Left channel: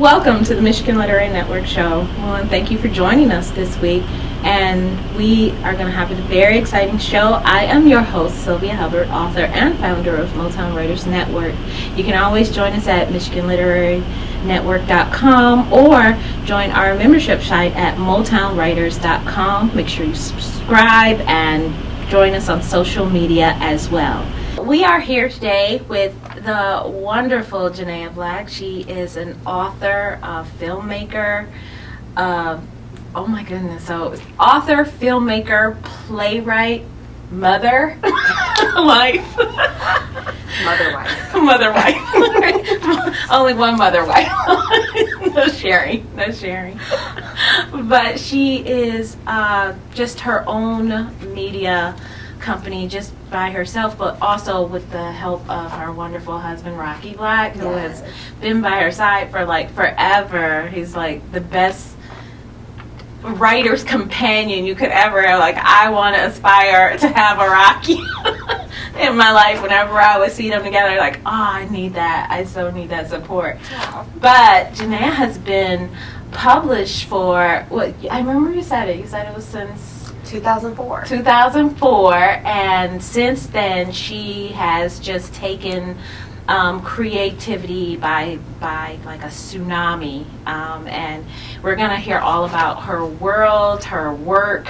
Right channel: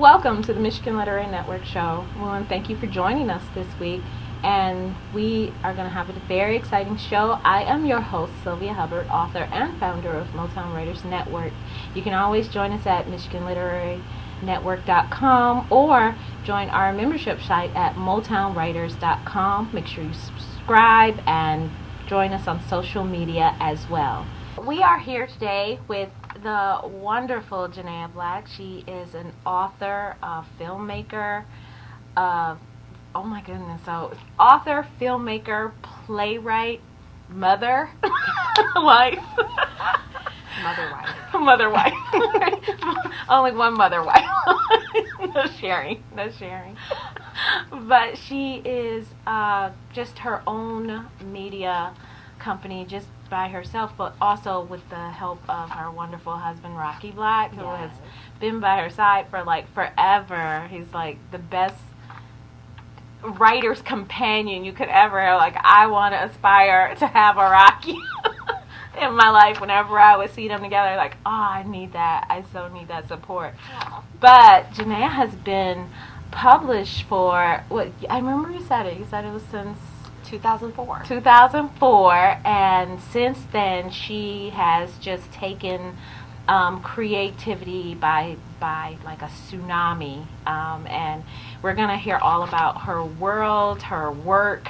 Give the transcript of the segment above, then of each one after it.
Welcome to the Michigan Literary Network Show. Well, and thank you for joining us this week. And we are going to have a very exciting show. I am your host, Sylvia Hubbard, author and founder of Motown Writers Network. You can always join us at MichiganLiteraryNetwork.com or join our membership site at MotownWriters.com. Make sure you subscribe and join us on social media as well. We are here today with the wonderful Janaya Black. She is an author, a filmmaker, oh my goodness, so author, filmmaker, playwright, mother, wife. Mother wife. Mother wife. Only one mother wife. No sharing. But she is just her own media company just by herself, but also with the help of her wonderful husband Rocky Black, who has been by her side for like forever. He's like the best writer's companion you could ever have. Like, I want to aspire to have a Rocky in my life. Whenever I would see them together, like, oh, I need that. I so need that support. Wow. But Janaya has been published for, what, I remember you said it was since 2004, and since then she has just taken creativity by like a tsunami, and we're gonna hear all about her world, her work,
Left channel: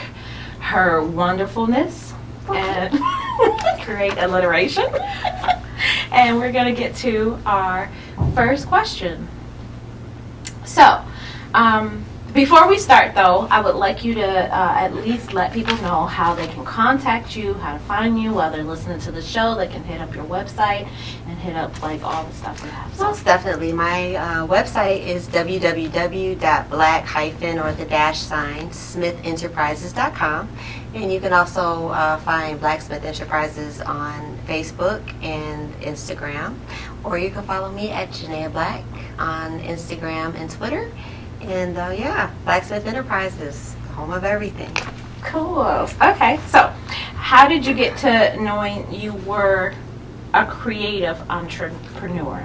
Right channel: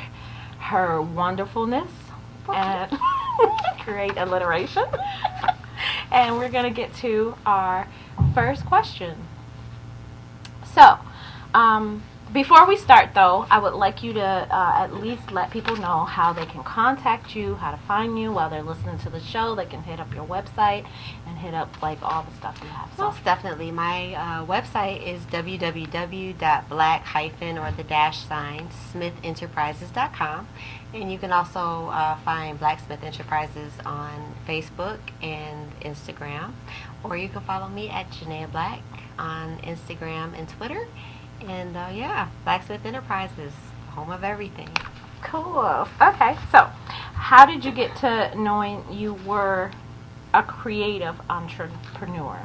her wonderfulness, and create alliteration. And we're gonna get to our first question. So, before we start, though, I would like you to at least let people know how they can contact you, how to find you while they're listening to the show. They can hit up your website and hit up like all the stuff you have. So. Most definitely. My website is www.black-smithenterprises.com, and you can also find Blacksmith Enterprises on Facebook and Instagram, or you can follow me at Janaya Black on Instagram and Twitter. And Blacksmith Enterprises, home of everything. Cool. Okay, so how did you get to knowing you were a creative entrepreneur?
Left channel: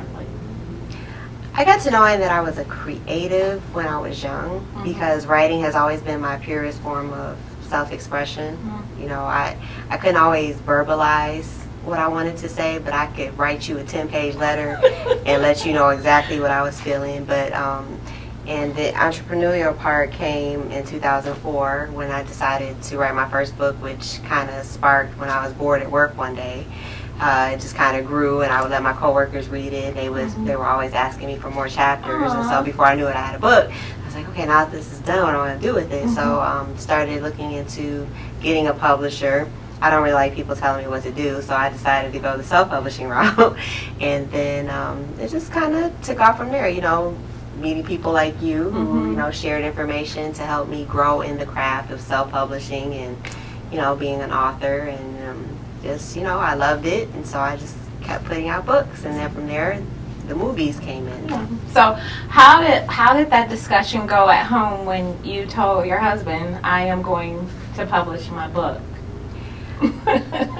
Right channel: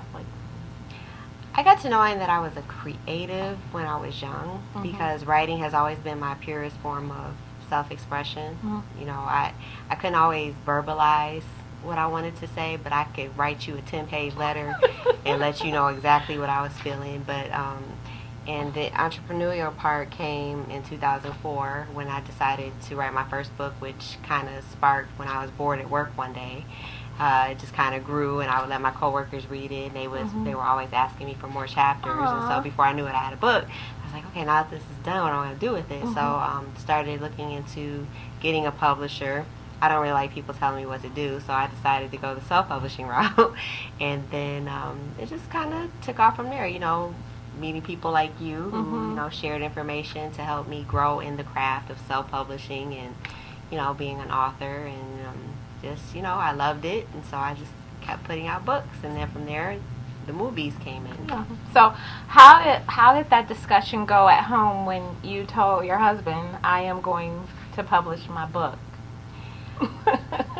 I got to knowing that I was a creative when I was young, because writing has always been my purest form of self-expression. You know, I couldn't always verbalize what I wanted to say, but I could write you a 10-page letter and let you know exactly what I was feeling. But and the entrepreneurial part came in 2004 when I decided to write my first book, which kind of sparked when I was bored at work one day. It just kind of grew, and I would let my coworkers read it. They were always asking me for more chapters, and so before I knew it, I had a book. I was like, okay, now that this is done, what do I want to do with it? So started looking into getting a publisher. I don't really like people telling me what to do, so I decided to go the self-publishing route, and then it just kind of took off from there. You know, meeting people like you who shared information to help me grow in the craft of self-publishing and being an author, and I loved it, and so I just kept putting out books, and then from there the movies came in. So how did that discussion go at home when you told your husband, I am going to publish my book?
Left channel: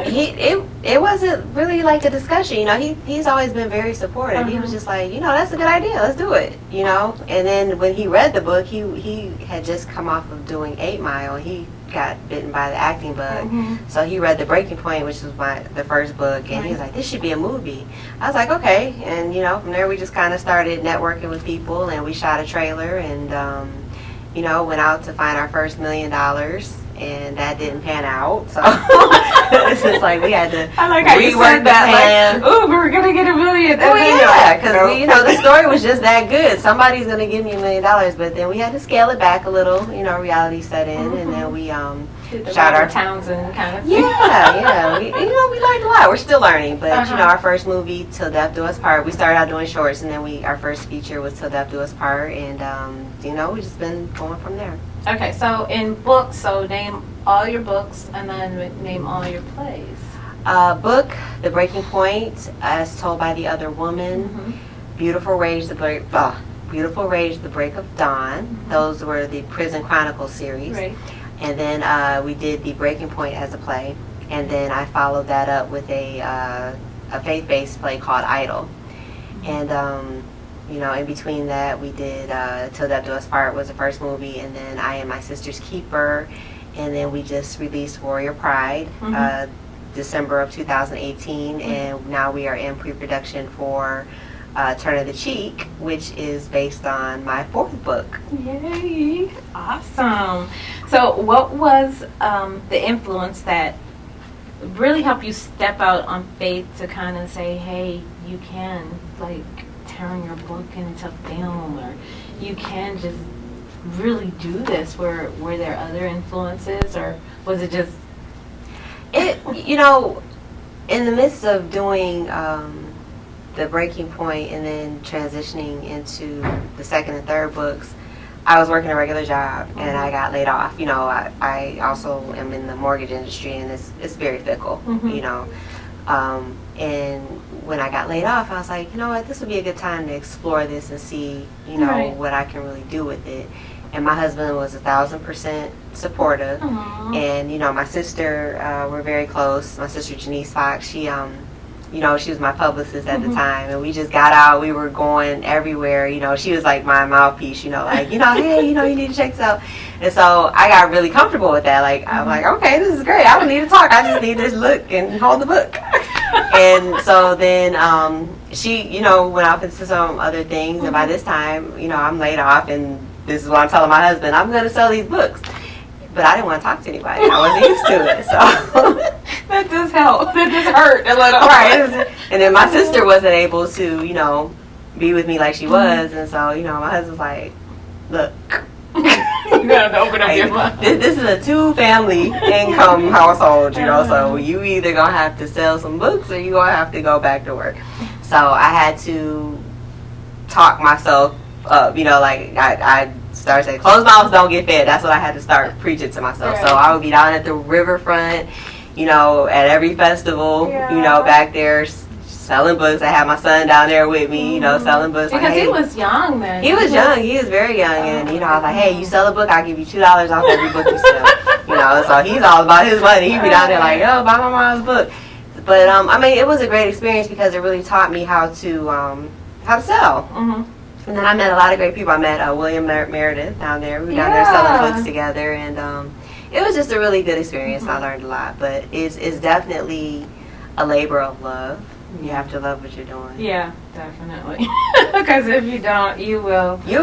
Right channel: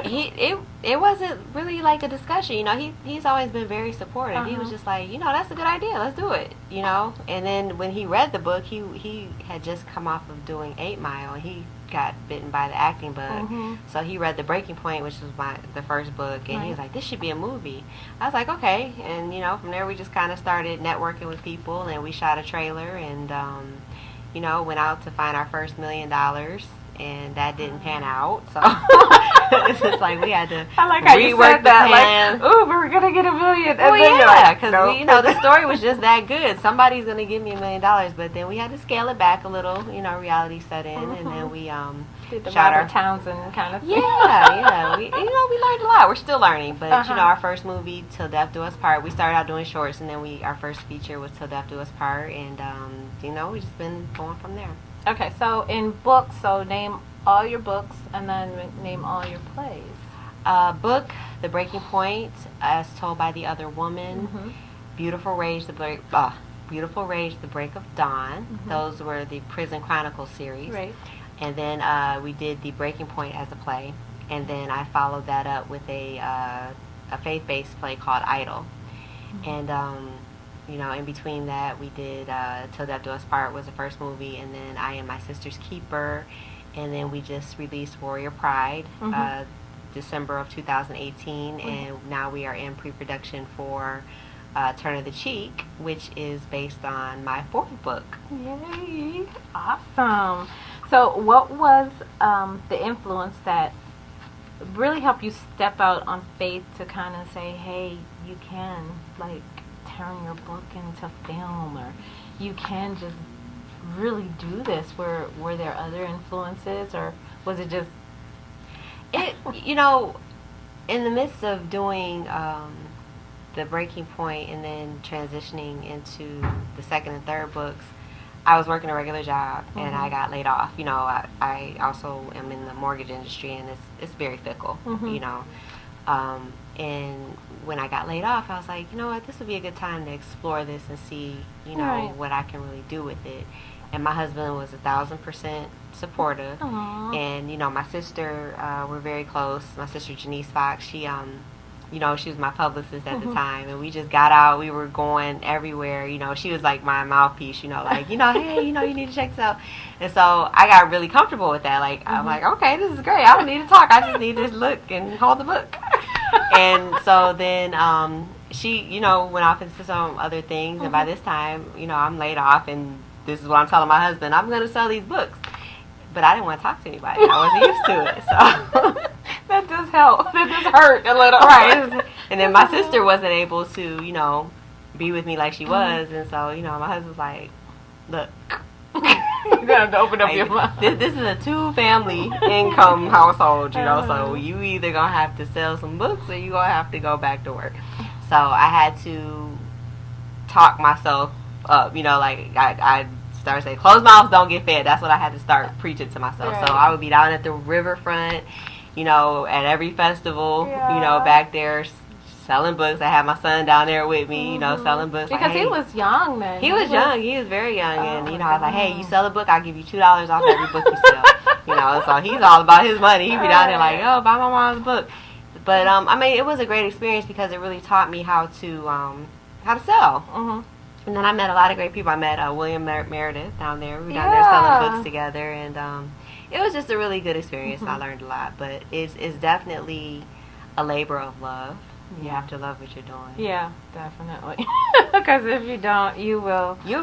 It wasn't really like a discussion. He's always been very supportive. He was just like, that's a good idea, let's do it. And then when he read the book, he had just come off of doing 8 Mile. He got bitten by the acting bug, so he read The Breaking Point, which was the first book, and he was like, this should be a movie. I was like, okay. And from there we just kind of started networking with people, and we shot a trailer, and went out to find our first $1 million, and that didn't pan out, so it's just like we had to rework the plan. Like, ooh, we're gonna get $1 million. Oh yeah, because the story was just that good. Somebody's gonna give me $1 million, but then we had to scale it back a little. Reality set in, and then we shot our Townsend kind of thing. Yeah. We learned a lot. We're still learning, but our first movie, Till Death Do Us Part. We started out doing shorts, and then our first feature was Till Death Do Us Part, and we just been going from there. Okay, so in books, name all your books and then name all your plays. Book, The Breaking Point, As Told by the Other Woman, Beautiful Rage, The Break of Dawn. Those were the Prison Chronicles series. Right. And then we did The Breaking Point as a play, and then I followed that up with a faith-based play called Idol. And You know, in between that, we did Till Death Do Us Part was the first movie, and then I Am My Sister's Keeper, and then we just released Warrior Pride, December of 2018, and now we are in pre-production for Turn of the Cheek, which is based on my fourth book. Yay! Awesome. So, what was the influence that really helped you step out on faith to kind of say, hey, you can, like, turn your book into film, or you can just really do this? Were there other influences, or was it just it? You know, in the midst of doing the Breaking Point and then transitioning into the second and third books, I was working a regular job and I got laid off. You know, I also am in the mortgage industry, and it's very fickle. You know, and when I got laid off, I was like, you know what, this would be a good time to explore this and see, you know, what I can really do with it. And my husband was 1,000% supportive. And, you know, my sister, we're very close. My sister, Janice Fox, she, you know, she was my publicist at the time. And we just got out. We were going everywhere. You know, she was like my mouthpiece, you know, like, you know, hey, you know, you need to check this out. And so I got really comfortable with that. Like, I'm like, okay, this is great. I don't need to talk. I just need to look and hold the book. And so then she, you know, went off into some other things. And by this time, you know, I'm laid off, and this is what I'm telling my husband, I'm going to sell these books. But I didn't want to talk to anybody. I wasn't used to it. So that does help. That does hurt a little. Right. And then my sister wasn't able to, you know, be with me like she was. And so, you know, my husband's like, look. You got to open up your mouth. This is a 2-family income household, you know, so you either going to have to sell some books or you going to have to go back to work. So I had to talk myself up, you know, like I started saying, closed mouths don't get fed. That's what I had to start preaching to myself. So I would be down at the riverfront, you know, at every festival, you know, back there selling books. I had my son down there with me, you know, selling books. Because like, hey, he was young then. He was young. He was very young. And, you know, I was like, hey, you sell a book, I'll give you $2 off every book you sell. You know, so he's all about his money. He'd be down there like, oh, buy my mom's book. But, I mean, it was a great experience because it really taught me how to sell. And then I met a lot of great people. I met William Meredith down there. We were down there selling books together. And it was just a really good experience. I learned a lot. But it's definitely a labor of love. You have to love what you're doing. Yeah, definitely. Because if you don't, you'll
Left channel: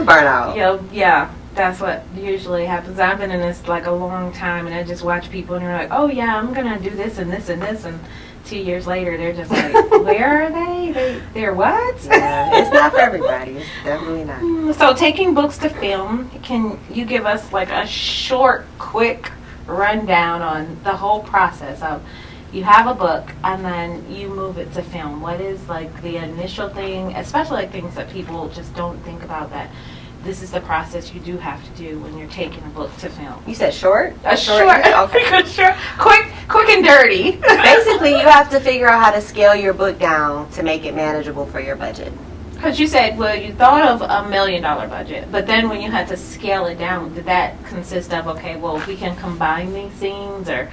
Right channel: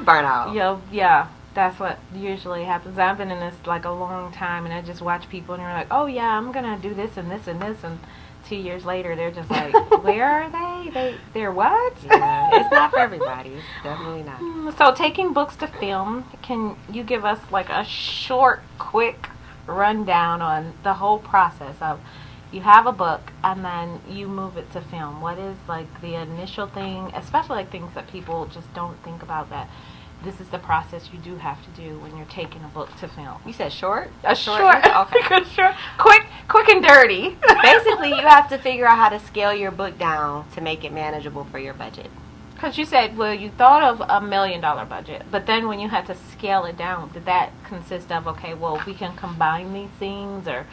burn out. Yeah, that's what usually happens. I've been in this like a long time, and I just watch people, and you're like, oh yeah, I'm gonna do this and this and this, and 2 years later, they're just like, where are they? They're what? Yeah, it's not for everybody. It's definitely not. So, taking books to film, can you give us like a short, quick rundown on the whole process of? You have a book, and then you move it to film. What is, like, the initial thing, especially, like, things that people just don't think about, that this is the process you do have to do when you're taking a book to film? You said short? Short. Okay. Short. Quick and dirty. Basically, you have to figure out how to scale your book down to make it manageable for your budget. Because you said, well, you thought of $1 million budget, but then when you had to scale it down, did that consist of, okay, well, we can combine these scenes, or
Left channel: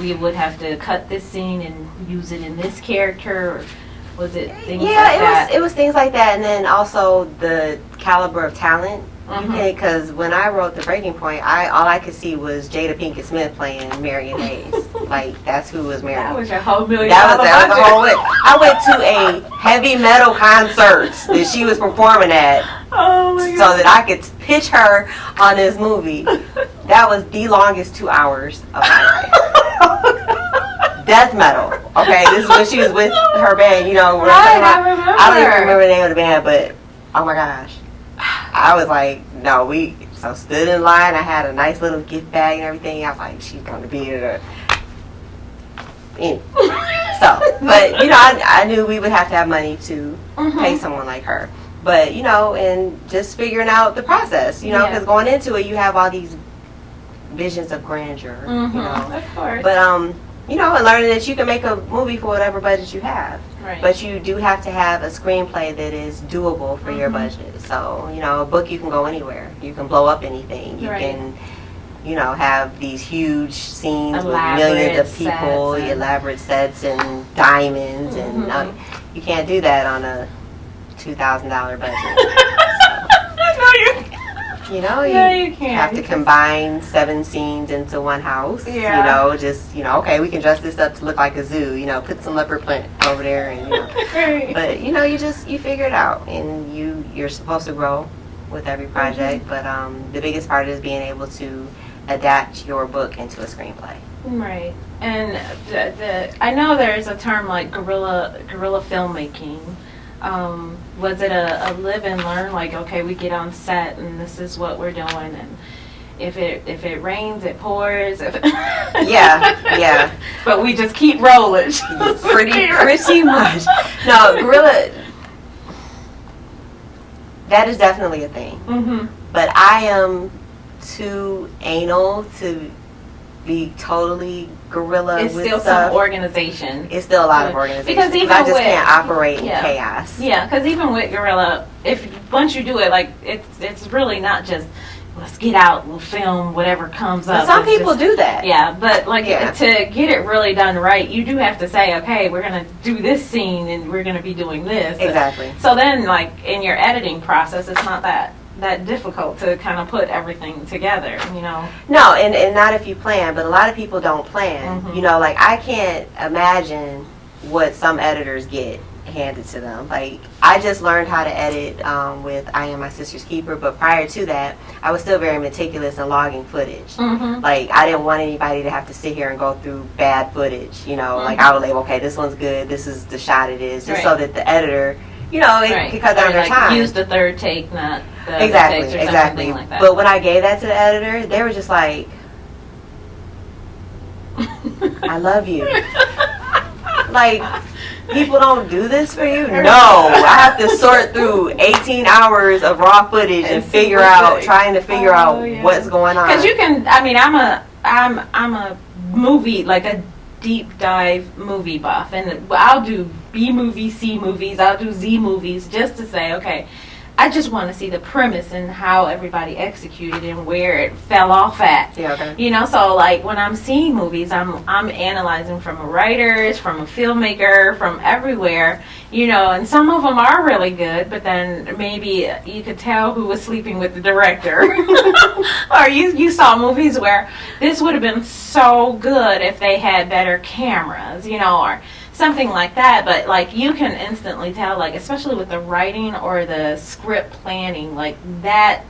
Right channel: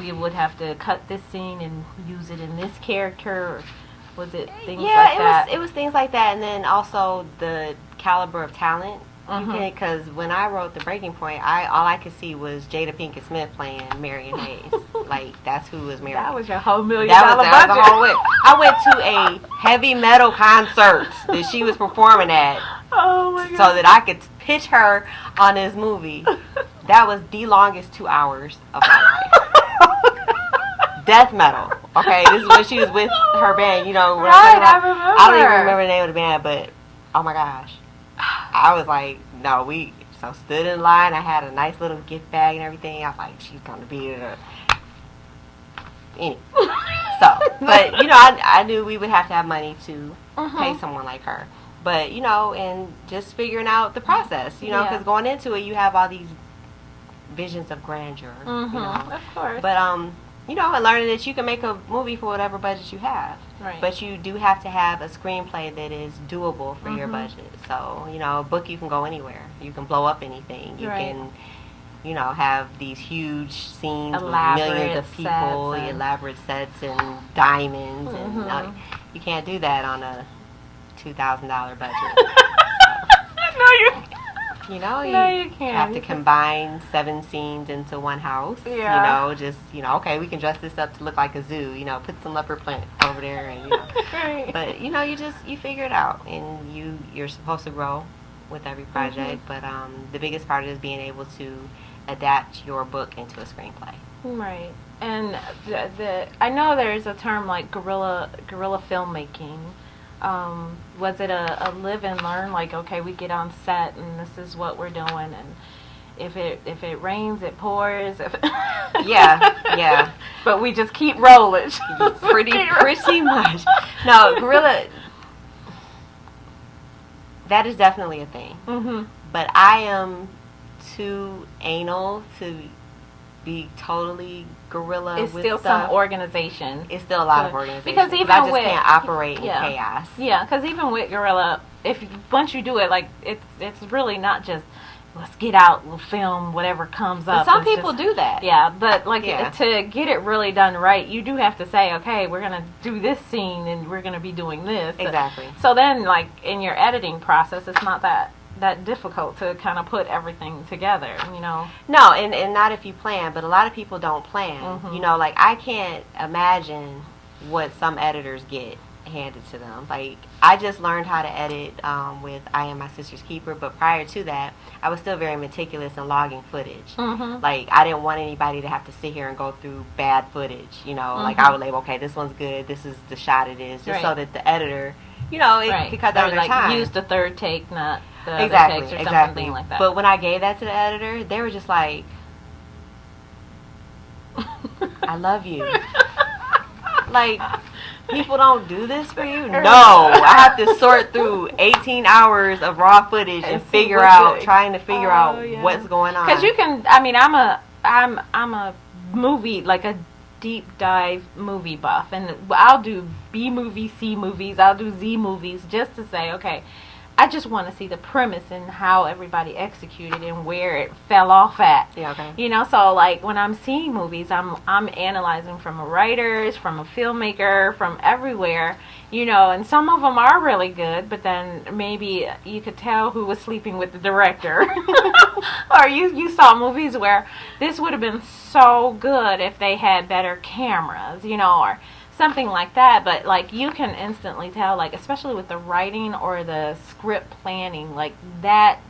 we would have to cut this scene and use it in this character, or was it things like that? Yeah, it was things like that, and then also the caliber of talent. Because when I wrote The Breaking Point, all I could see was Jada Pinkett Smith playing Marion Hayes. Like, that's who was Marion. That was your whole $1 million that budget. was the whole way. I went to a heavy metal concert that she was performing at, so that I could pitch her on this movie. That was the longest 2 hours of my life. Death metal. Okay, this is when she was with her band. You know, I remember. I don't even remember the name of the band, but oh my gosh, I was like, no, so stood in line. I had a nice little gift bag and everything. I was like, she's gonna be there. So, but you know, I knew we would have to have money to pay someone like her. But you know, and just figuring out the process. You know, because going into it, you have all these visions of grandeur. You know, of course. But you know, and learning that you can make a movie for whatever budget you have. Right. But you do have to have a screenplay that is doable for your budget. So, you know, a book, you can go anywhere. You can blow up anything. You can, you know, have these huge scenes elaborate with millions of people, elaborate sets and diamonds. And you can't do that on a $2,000 budget. No, you can't. You know, No, you can't. have to combine 7 scenes into one house. Yeah. You know, just, okay, we can dress this up to look like a zoo. Put some leopard print over there, and Right. But you figure it out, and you're supposed to grow with every project. But the biggest part is being able to adapt your book into a screenplay. Right. And I know there's a term like guerrilla filmmaking. Was it a live and learn? Like, okay, we get on set and this is what we're doing, and if it rains, it pours. Yeah. But we just keep rolling. pretty much. No, guerrilla. That is definitely a thing. Mm-hmm. But I am too anal to be totally guerrilla It's with still stuff. some organization. It's still a lot of organization. Because even I just with, can't operate in chaos. Yeah, because even with guerrilla, once you do it, like it's really not just let's get out, we'll film whatever comes up. But some people do that. Yeah, but to get it really done right, you do have to say, okay, we're gonna do this scene and we're gonna be doing this. Exactly. So then, like in your editing process, it's not that difficult to kind of put everything together, No, and not if you plan, but a lot of people don't plan. Mm-hmm. Like I can't imagine what some editors get handed to them. Like I just learned how to edit with I Am My Sister's Keeper, but prior to that, I was still very meticulous in logging footage. Mm-hmm. Like I didn't want anybody to have to sit here and go through bad footage. Mm-hmm. Like I would like, okay, this one's good, this is the shot it is, just right. so that the editor, it could cut down their time. Use the third take, not the exactly, takes or exactly. something like that. But when I gave that to the editor, they were just like, I love you. Like, people don't do this for you? No. I have to sort through 18 hours of raw footage and trying to figure out what's going on. Because you can, I'm a movie, like a deep dive movie buff, and I'll do B movies, C movies, I'll do Z movies just to say, okay, I just want to see the premise and how everybody executed and where it fell off at. Yeah, okay. So like when I'm seeing movies, I'm analyzing from writers, from a filmmaker, from everywhere, and some of them are really good, but then maybe you could tell who was sleeping with the director. Or you saw movies where this would have been so good if they had better cameras, or something like that. But like you can instantly tell, like especially with the writing or the script planning, like that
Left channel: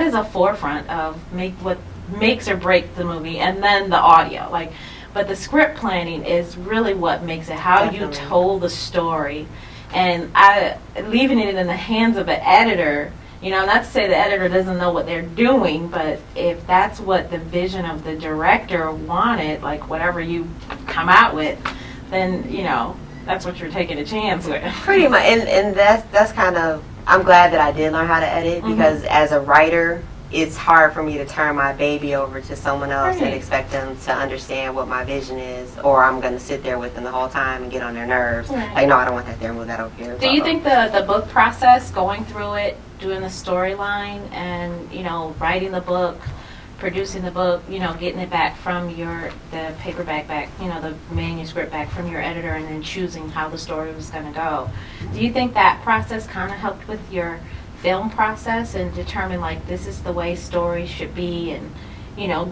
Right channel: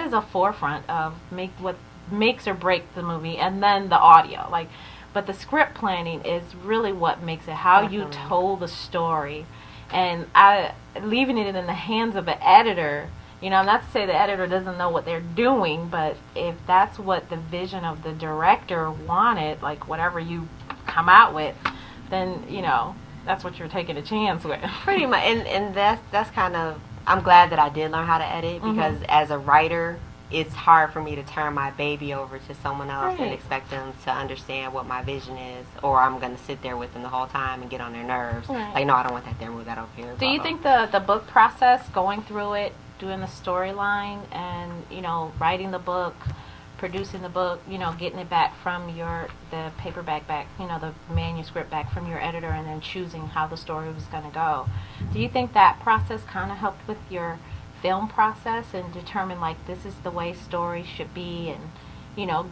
is a forefront of what makes or breaks the movie, and then the audio. But the script planning is really what makes it, how Definitely. you told the story. And leaving it in the hands of an editor, not to say the editor doesn't know what they're doing, but if that's what the vision of the director wanted, like whatever you come out with, then that's what you're taking a chance with. Pretty much, and that's kind of, I'm glad that I did learn how to edit, because as a writer, it's hard for me to turn my baby over to someone else and expect them to understand what my vision is, or I'm going to sit there with them the whole time and get on their nerves. Right. Like, no, I don't want that there, move that over here. Do you think the book process, going through it, doing the storyline, and writing the book, producing the book, getting it back from the paperback back, the manuscript back from your editor, and then choosing how the story was going to go. Do you think that process kind of helped with your film process and determine, like, this is the way story should be, and,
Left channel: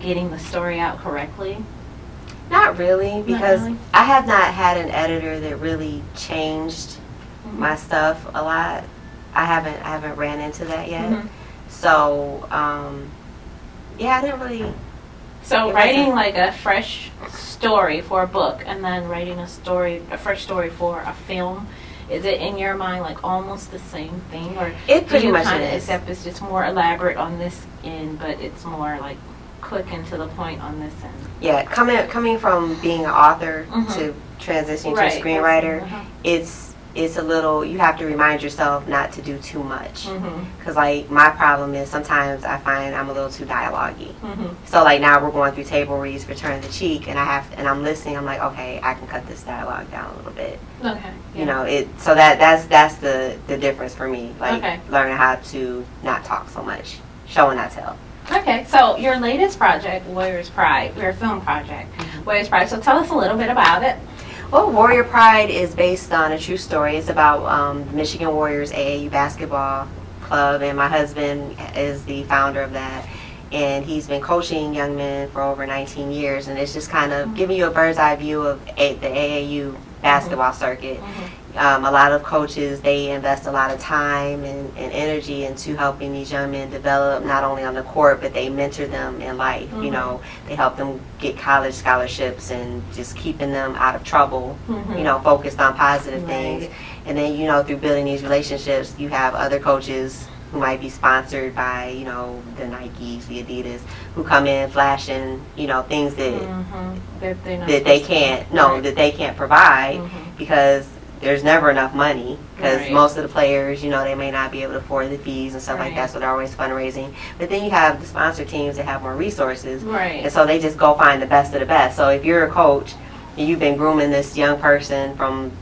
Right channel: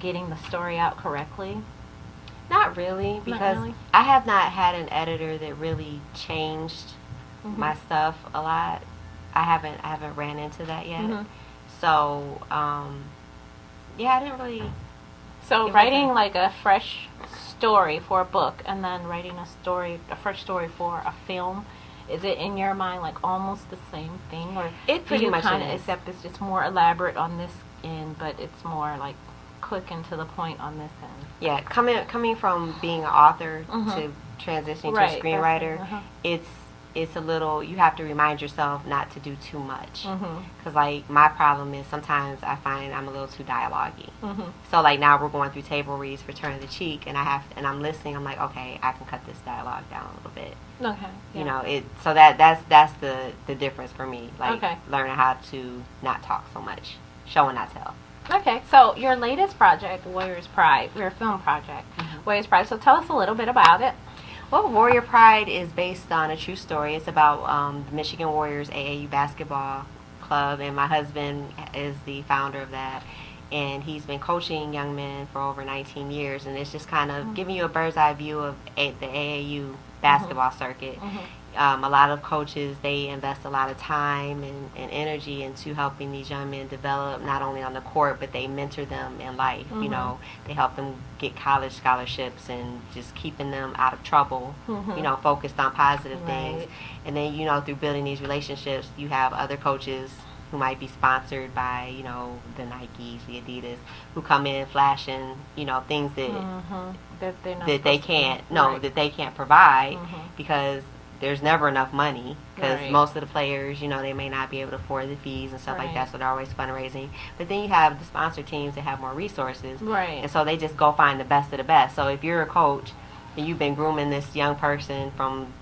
getting the story out correctly? Not really, because I have not had an editor that really changed my stuff a lot. I haven't ran into that yet. So, yeah, I didn't really. So writing like a fresh story for a book, and then writing a fresh story for a film, is it in your mind like almost the same thing, or it pretty much kind of, is. except it's just more elaborate on this end, but it's more like quick and to the point on this end? Yeah, coming from being an author to transitioning to a screenwriter, it's a little, you have to remind yourself not to do too much. Because, like, my problem is sometimes I find I'm a little too dialogue-y. So, like, now we're going through table reads for Turn the Cheek, and I'm listening, I'm like, okay, I can cut this dialogue down a little bit. Okay. Yeah. So that's the difference for me. Like, Okay. learning how to not talk so much. Show and not tell. Okay, so your latest project, Warrior's Pride, your film project, Warrior's Pride. So tell us a little bit about it. Well, Warrior Pride is based on a true story. It's about the Michigan Warriors AAU basketball club, and my husband is the founder of that. And he's been coaching young men for over 19 years, and it's just kind of giving you a bird's eye view of the AAU basketball circuit. A lot of coaches, they invest a lot of time and energy into helping these young men develop, not only on the court, but they mentor them in life. You know, they help them get college scholarships and just keeping them out of trouble, you know, focused on positive things. And then, you know, through building these relationships, you have other coaches who might be sponsored by, you know, the Nikes, the Adidas, who come in flashing, you know, things that they can't, that they can't provide because there's never enough money, because most of the players, you know, they may not be able to afford the fees and stuff like that, so they're always fundraising. But then you have the sponsor teams that have more resources, and so they just go find the best of the best. So if you're a coach and you've been grooming this young person from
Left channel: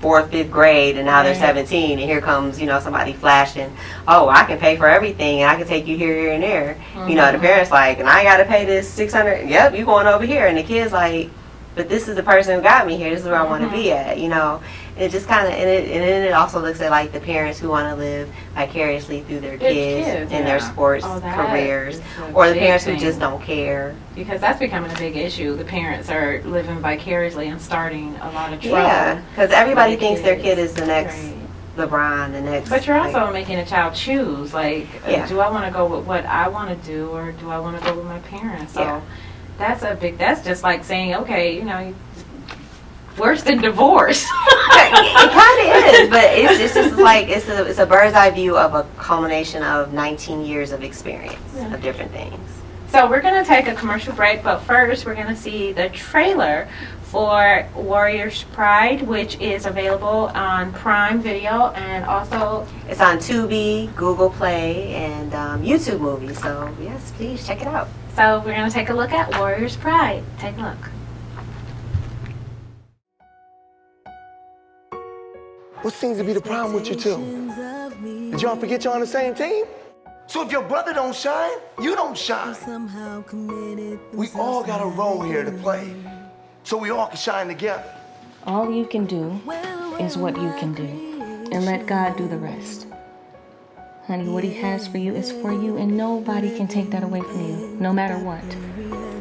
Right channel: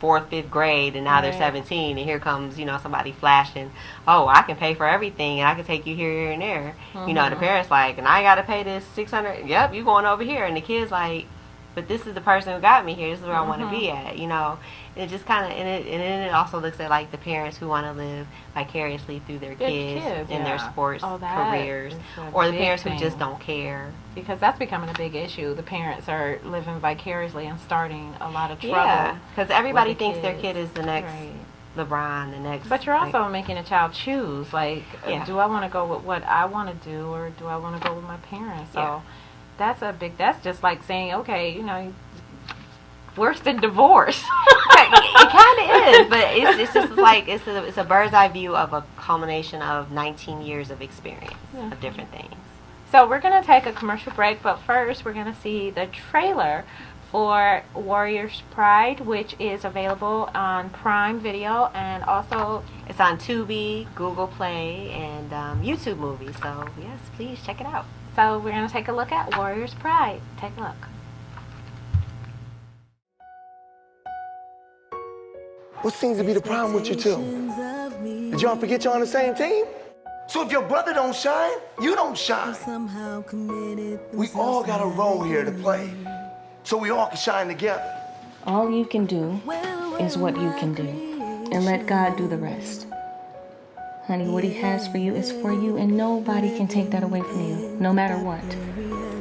4th, 5th grade, and now they're 17, and here comes, you know, somebody flashing, oh, I can pay for everything, and I can take you here, here, and there. You know, the parents like, and I got to pay this $600. Yep, you going over here, and the kid's like, but this is the person who got me here. This is where I want to be at, you know. And it just kind of, and then it also looks at like the parents who want to live vicariously through their kids in their sports careers, or the parents who just don't care. Because that's becoming a big issue. The parents are living vicariously and starting a lot of trouble. Yeah, because everybody thinks their kid is the next LeBron, the next. But you're also making a child choose, like, do I want to go with what I want to do, or do I want to go with my parents? So that's just like saying, okay, you know, worse than divorce. It kind of is, but it's just like it's a bird's eye view of a culmination of 19 years of experience of different things. So we're going to take a commercial break, but first we're going to see the trailer for Warriors Pride, which is available on Prime Video, and also it's on Tubi, Google Play, and YouTube Movies. So yes, please check it out. So we're going to take a look at Warriors Pride. Take a look. What seems to be the problem with you two? Did y'all forget you're on the same team? So if your brother don't shine, you don't shine. We all got a role here to play, so we all can shine together. All you can do is what you can do, and let God do the rest. Honey, what he has for you is for you, and nobody can take that away from you, no matter what.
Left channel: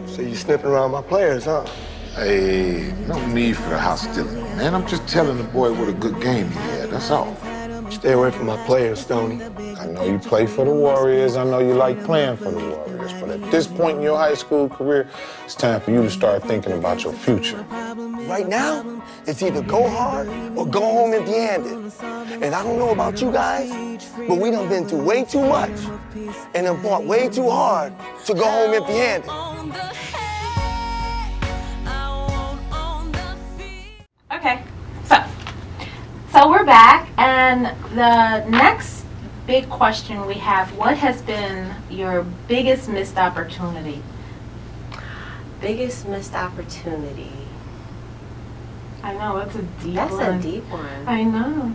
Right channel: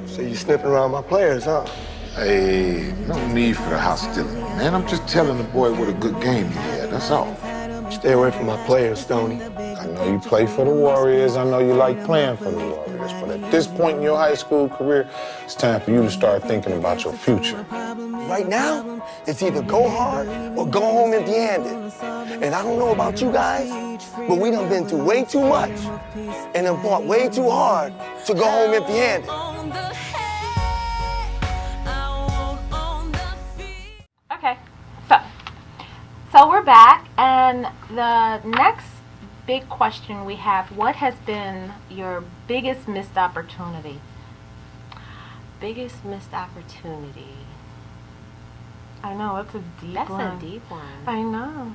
So you sniffing around my players, huh? Hey, no need for the hostility, man. I'm just telling the boy what a good game he had, that's all. Stay away from my players, Stoney. I know you play for the Warriors. I know you like playing for the Warriors. But at this point in your high school career, it's time for you to start thinking about your future. Right now, it's either go hard or go home empty-handed. And I don't know about you guys, but we done been through way too much and done fought way too hard to go home empty-handed. Okay, so we're back, and the next big question we have, what has been your biggest missed opportunity? Biggest missed opportunity? I know, it's a deep one. That's a deep one. I know.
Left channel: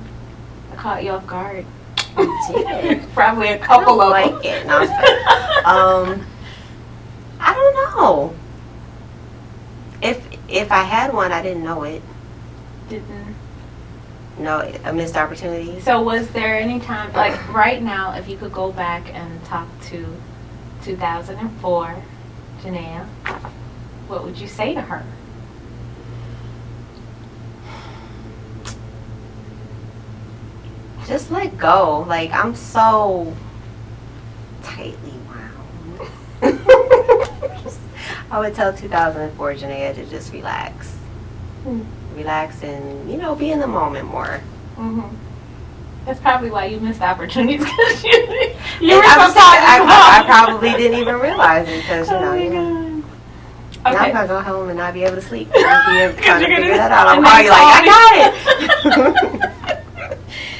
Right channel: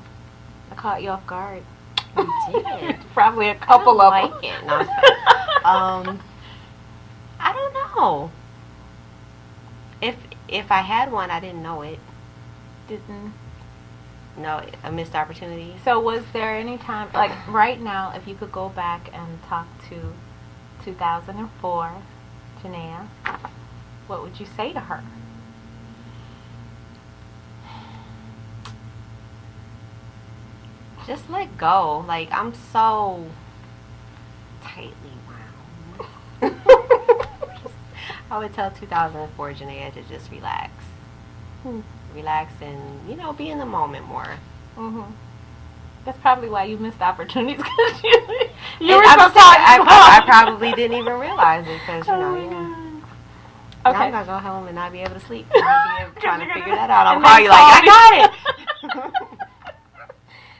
I caught you off guard. You did. Probably a couple of like them. it. No, I don't know. If I had one, I didn't know it. No, a missed opportunity. So was there any time, like right now, if you could go back and talk to 2004 Janaya, what would you say to her? Just let go. Like, I'm so tightly wound. I would tell 2004 Janaya to just relax. Relax and, you know, be in the moment more. That's probably why you missed opportunities, because you were I probably didn't even realize it, because, you know. Okay. Now I'm going to go home and not be able to sleep. I'll be trying to figure that out. I'll call you like, I got it.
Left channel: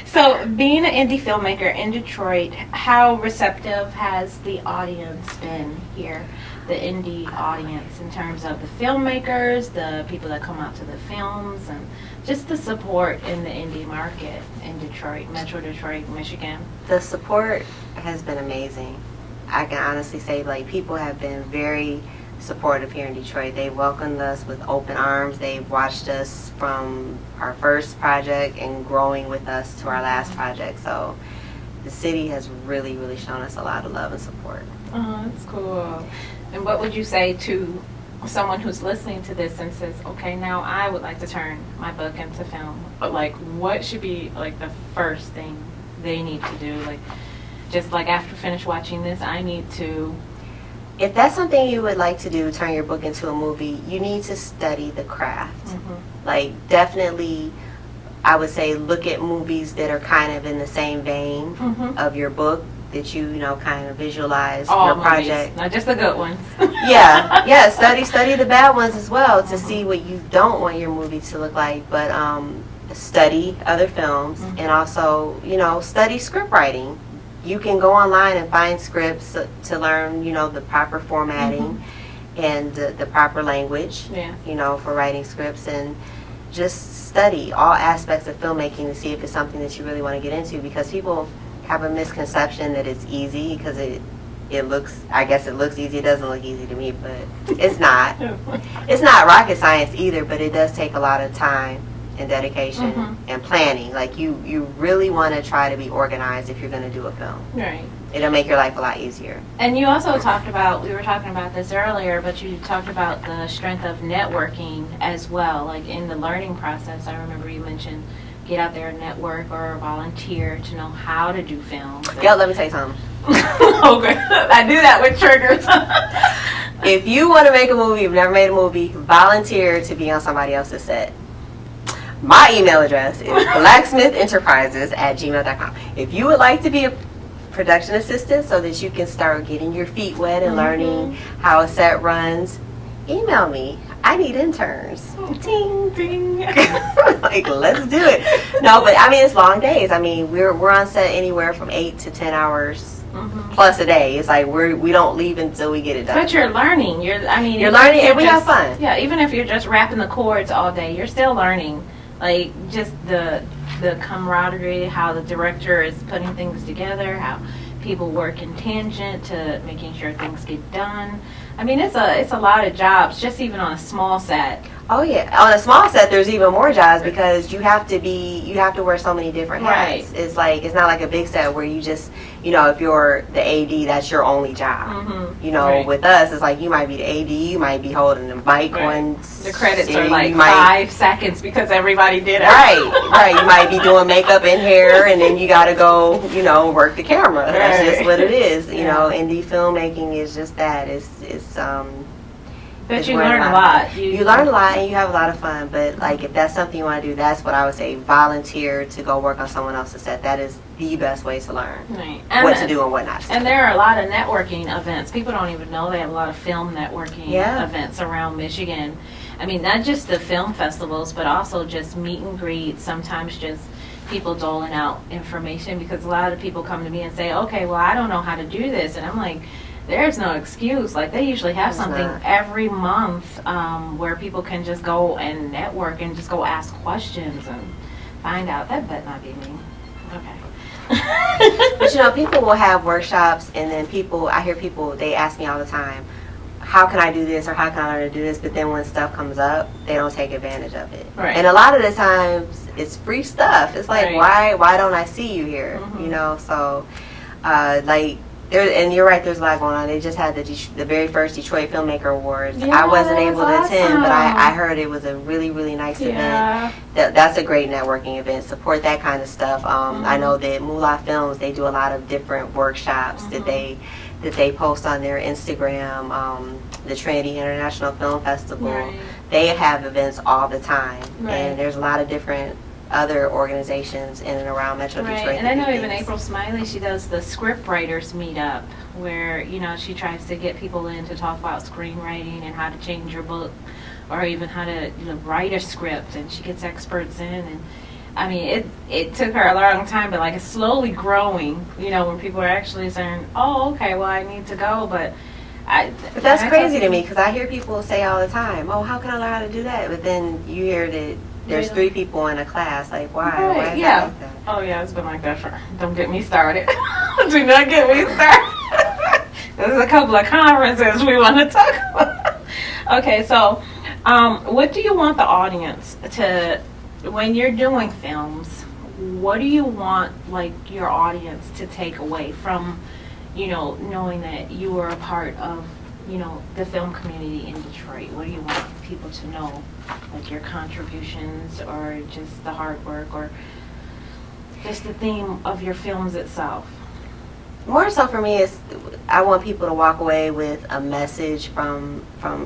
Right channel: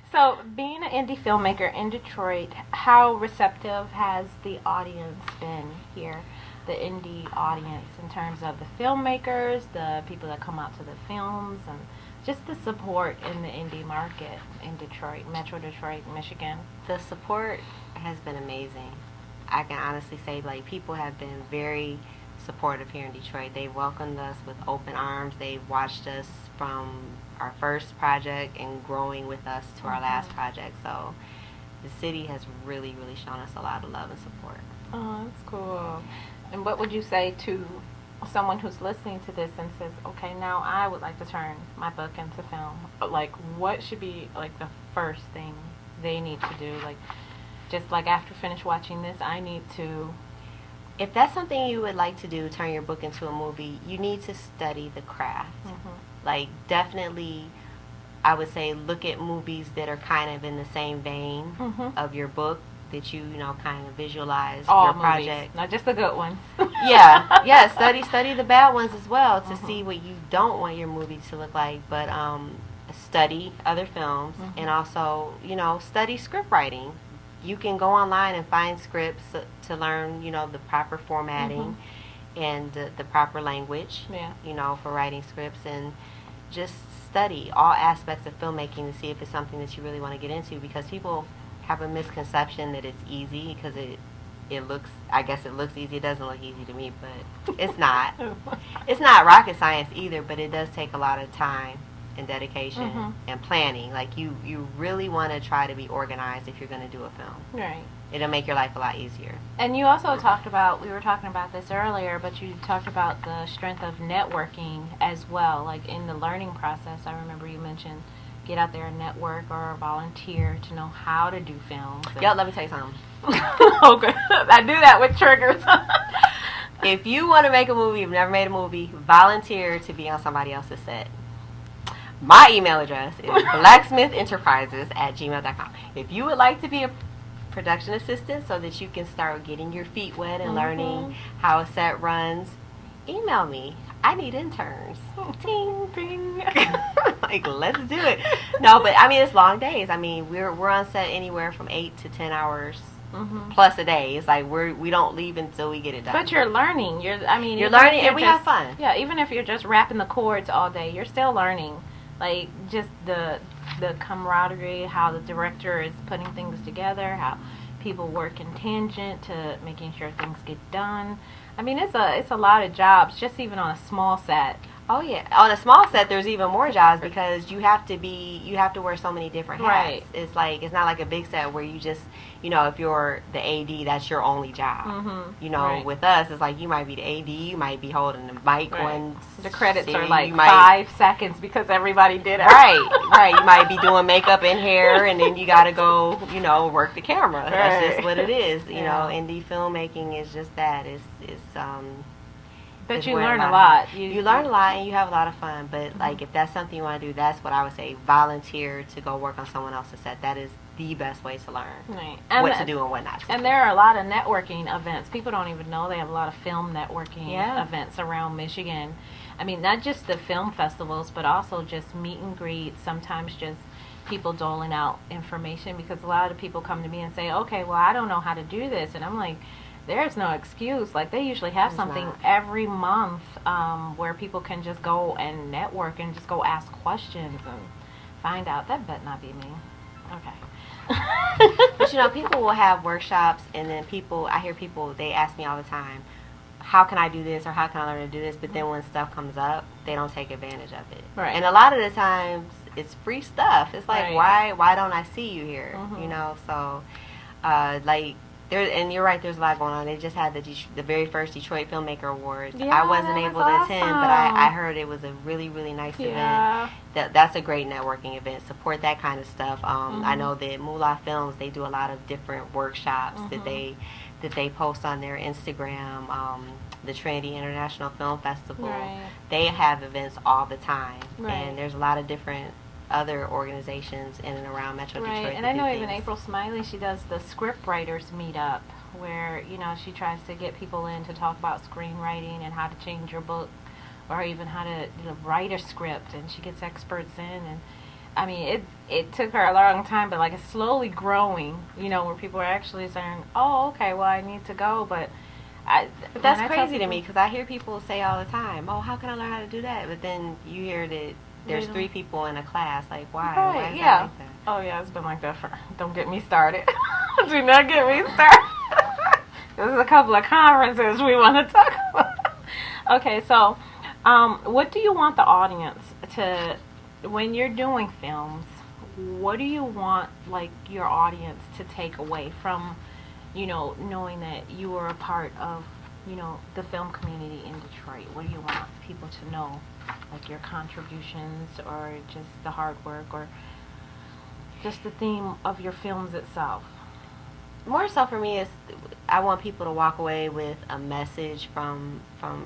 So, being an indie filmmaker in Detroit, how receptive has the audience been here? The indie audience, in terms of the filmmakers, the people that come out to the films, and just the support in the indie market in Detroit, Metro Detroit, Michigan. The support has been amazing. I can honestly say, like, people have been very supportive here in Detroit. They welcomed us with open arms. They watched us from our first project and growing with us to our last project. So the city has really, really shown us a lot of love and support. Oh, that's cool. And what would you say to someone who's listening to this and says, okay, now I would like to turn my book into film? Like, what should be like the first thing they need to do? Like, just like after finish watching this, I need to... If that's something you would like to do, turn your book into a movie, you need to study the craft. Like, definitely, I would say look at movies that are kind of in the same vein of your book, that you know, kind of visualize your project. Not just the good ones. yeah, study the bad ones as well to see what you don't want your movie to look like. But study other films and also, you know, study script writing. You can go online and find scripts to learn, you know, the proper formatting and the proper language, you know, for writing scripts, and just study all aspects of filmmaking to see if it's something that you really want to get into, because people have a misconception that it's easy because it looks, I guess it looks easy. It doesn't look easy to me, but it's not. It's not rocket science either, but it does take a lot of time and dedication and planning. Like, you really want to try to be organized if you're going to do a film. Right. It'll make your life a lot easier. And you also talked about, we were talking about this earlier, but you talked about the strength of networking as well. Like, in the learning process, I remember you mentioned get out there and network or volunteer to know how to do films. Yeah, let me tell you something. Okay. I do that with triggers. If you want to make a movie, you've never made a movie, volunteer to be on somebody else's set. My email address is blacksmithenterprises@gmail.com. If you would like to be a production assistant so that you can start getting your feet wet and learning how a set runs, email me. I need interns. Ting, ting. Like, let's do it. No, but I mean, it's long days. I mean, we're on set anywhere from 8 to 10 hours plus a day. It's like we don't leave until we get it done. But you're learning. You're learning, and we have fun. Yeah, even if you're just wrapping the cords all day, you're still learning. Like, just the camaraderie, how the director is putting things together, how people work in tangent to making sure things get done. I mean, it's a lot of jobs, just even on a small set. Oh yeah, on a small set there's even more jobs because you have to wear so many different hats. Right. It's like like a big set where you just, you know, if you're the AD, that's your only job. You know, with us it's like you might be the AD, you might be holding the mic one. The credits are like 5 seconds because everybody did it. Right. You might be doing makeup and hair, and then you got to go, you know, work the camera. That's just what it is. You know, indie filmmaking is just that. It's But you learn a lot. You learn a lot and you have a lot of fun. But like, if that's something you want to do, that's what I would say. Volunteer to go work on someone else's set. That is the best way to learn what to do and what not to do. And there are a lot of networking events. People don't even know they have a lot of film networking events around Michigan. I mean, not just the film festivals, but also just meet and greets. Sometimes just people doling out information, because a lot of people come to me and say, okay, well, I don't know how to do this. And I'm like, there's no excuse. Like, they usually have something every month where people can just go and network and just go ask questions and find out. That better not be me. Okay. But you know, people will have workshops, and then I hear people, they ask me all the time, how can I do this or how can I learn to do this? But then when stuff comes up, they don't take advantage of it. Right. And a lot of the times it's free stuff. It's like, why don't I see you here? You know, so like, and you're right, there's a lot going on. They just had the very first Detroit Filmmaker Awards. Yeah, I wasn't able to attend, awesome. but I heard it was a really, really nice event. That's a great networking event. Support that kind of stuff. I know that Moolah Films, they do a lot of different workshops that they post on their Instagram. The Trinity International Film Festival, they have events all the time. And there's a lot of different other organizations in and around Metro Detroit. And I know even April Smiley, she does the script writers meetup where, you know, she tries to get people in to talk about screenwriting and how to change your book, or even how to, you know, write a script, and she gets experts in. And I mean, it took her a long time, but like, it's slowly growing, you know, where people are actually saying, oh, okay, well, I need to go. But that's crazy to me, because I hear people say all the time, oh, how can I learn how to do that? But then you hear that there's 3 people in a class. Like, why? Why is that like that? Oh, yeah, it's been like that for... Don't get me started. Do not get me started. There's a couple of conferences we want to talk about. Okay, so what do you want the audience to, when you're doing films, what do you want like your audience to take away from, knowing that you were a part of, the film community in Detroit? What do you want people to know, like your contributions or just the hard work or just the theme of your films itself? More so for me is I want people to walk away with a message from